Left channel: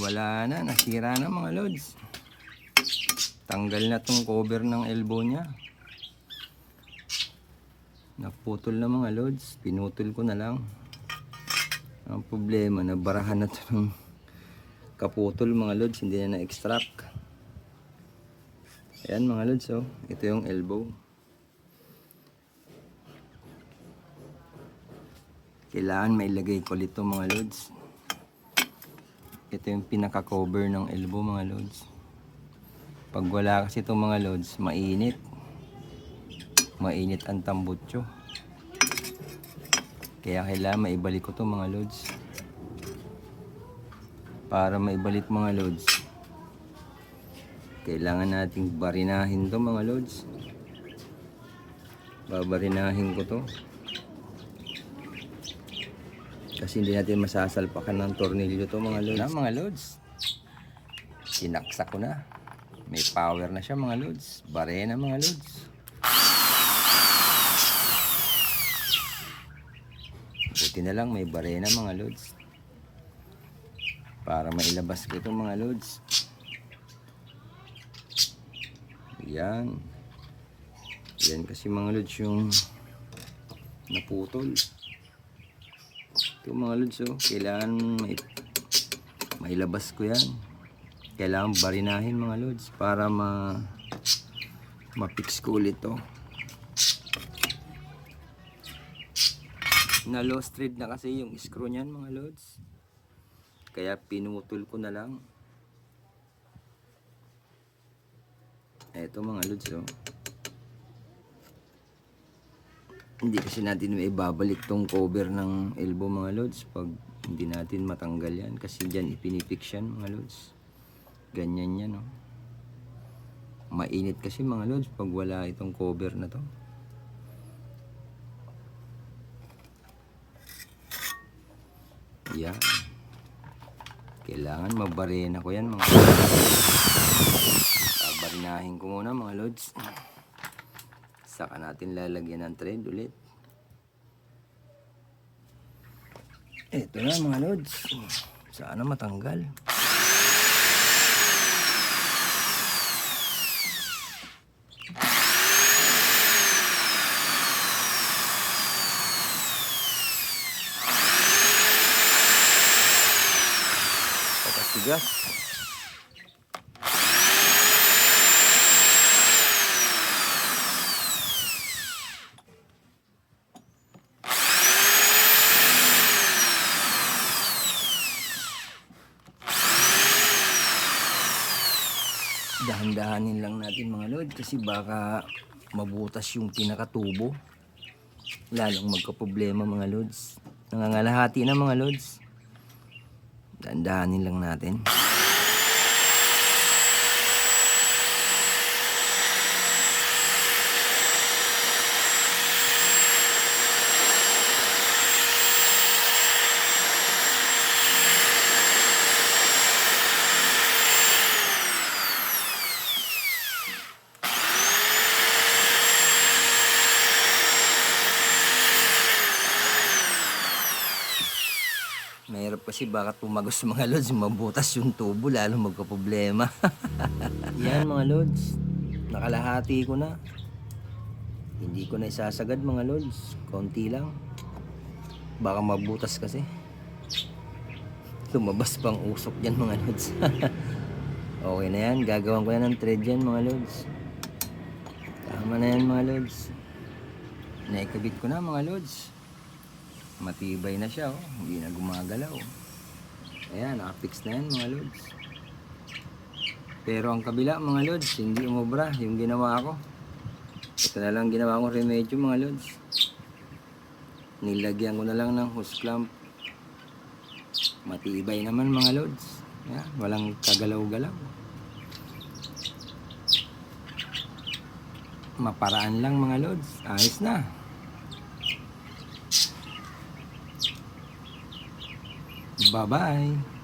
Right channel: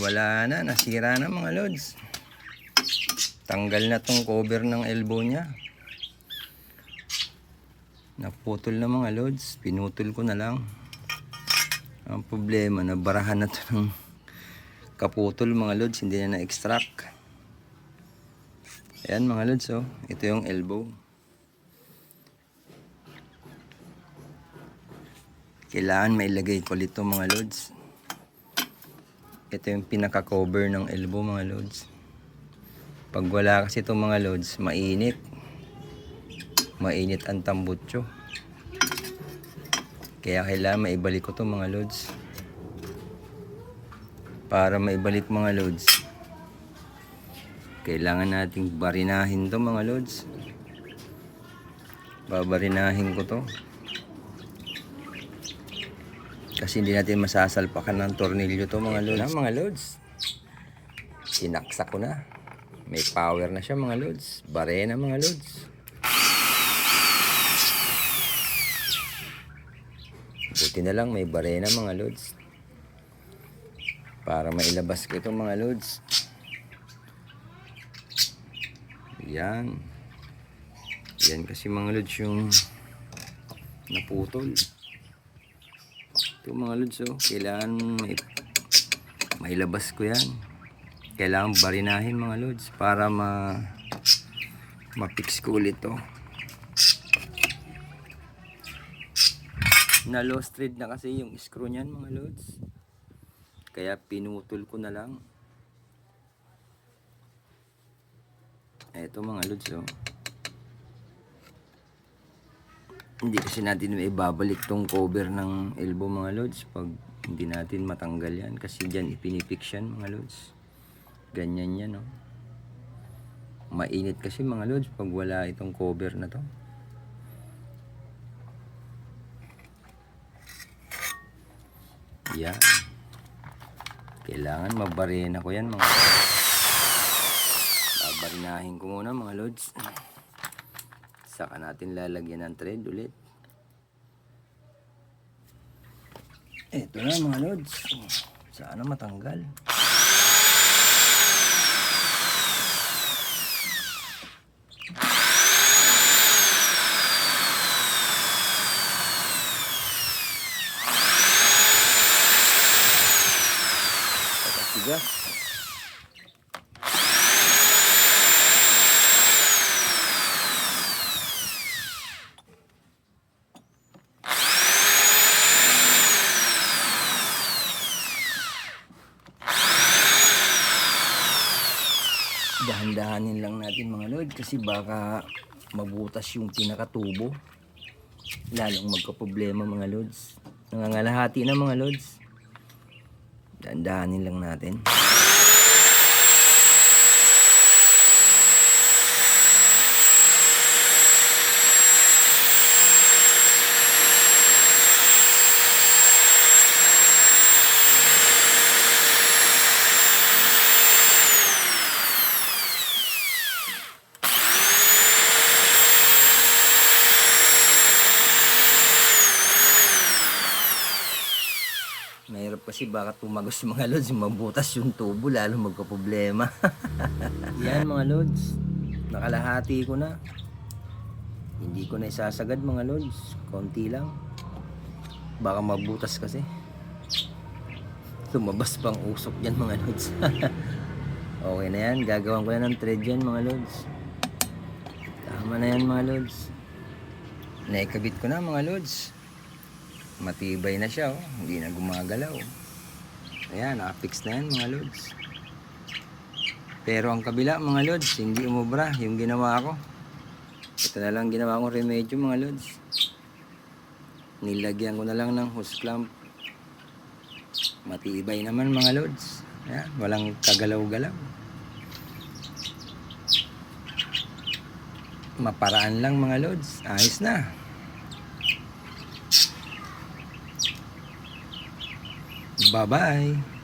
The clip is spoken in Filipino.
wala na, nasira na mga lods. Tanggal na tong cover ng elbow niya. Naputol na mga lods, pinutol ko na lang. Ang problema, nabarahan na to ng kaputol mga lods, hindi na na-extract. Ayan mga lods, oh. Ito yung elbow. Kailangan mailagay ko ulit mga lods. Ito yung pinaka-cover ng elbow mga lods. Pag wala kasi itong mga lods, mainit. Mainit ang tambutso. Kaya kailangan maibalik ko itong mga lods. Para maibalik mga lods, kailangan nating barinahin to mga lods. Babarinahin ko to. Kasi hindi natin masasalpakan ng tornilyo to mga lods. Na mga lods. Sinaksak ko na. May power na siya mga lods. Barena mga lods. Buti na lang may barena mga lods. Para mailabas ko itong mga lods. Yan. Yan kasi mga lods yung naputol. Ito mga lods, oh. Kailangan mailabas ko yan. Kailangan barinahin mga lods para ma-fix ko ulit to. Na lost thread na kasi yung screw niyan mga lods. Kaya pinutol ko na lang. Eto mga lods, oh. Hindi kasi natin may babalik tong cover ng elbow mga lods pag hindi natin matanggal yan. Kasi dyan ipinipix yan mga lods. Ganyan yan, oh. Mainit kasi mga lods pag wala itong cover na to. Yan. Kailangan mabarena ko yan mga lods. Babarinahin ko muna mga lods. Saka natin lalagyan ng thread ulit. Ito na mga lods. Sana matanggal. Pagkasigas. Dahan-dahanin lang natin mga lods kasi baka mabutas yung pinakatubo. Lalong magka-problema mga lods. Nangangalahati na mga lods. Dahan-dahanin lang natin. Mahirap kasi baka tumagos mga lods, mabutas yung tubo, lalo magka-problema. Yan mga lods, nakalahati ko na. Hindi ko na isasagad mga lods, konti lang. Baka mabutas kasi. Lumabas pang usok dyan mga lods. Okay na yan, gagawan ko na ng thread yan mga lods. Tama na yan mga lods. Naikabit ko na mga lods. Matibay na siya, oh. Hindi na gumagalaw. Ayan, nakapix na yan mga lods. Pero ang kabila mga lods, hindi umubra yung ginawa ko. Ito na lang ginawa kong remedyo mga lods. Nilagyan ko na lang ng hose clamp. Matibay naman mga lods. Ayan, walang kagalaw-galaw. Maparaan lang mga lods. Ayos na. Bye-bye.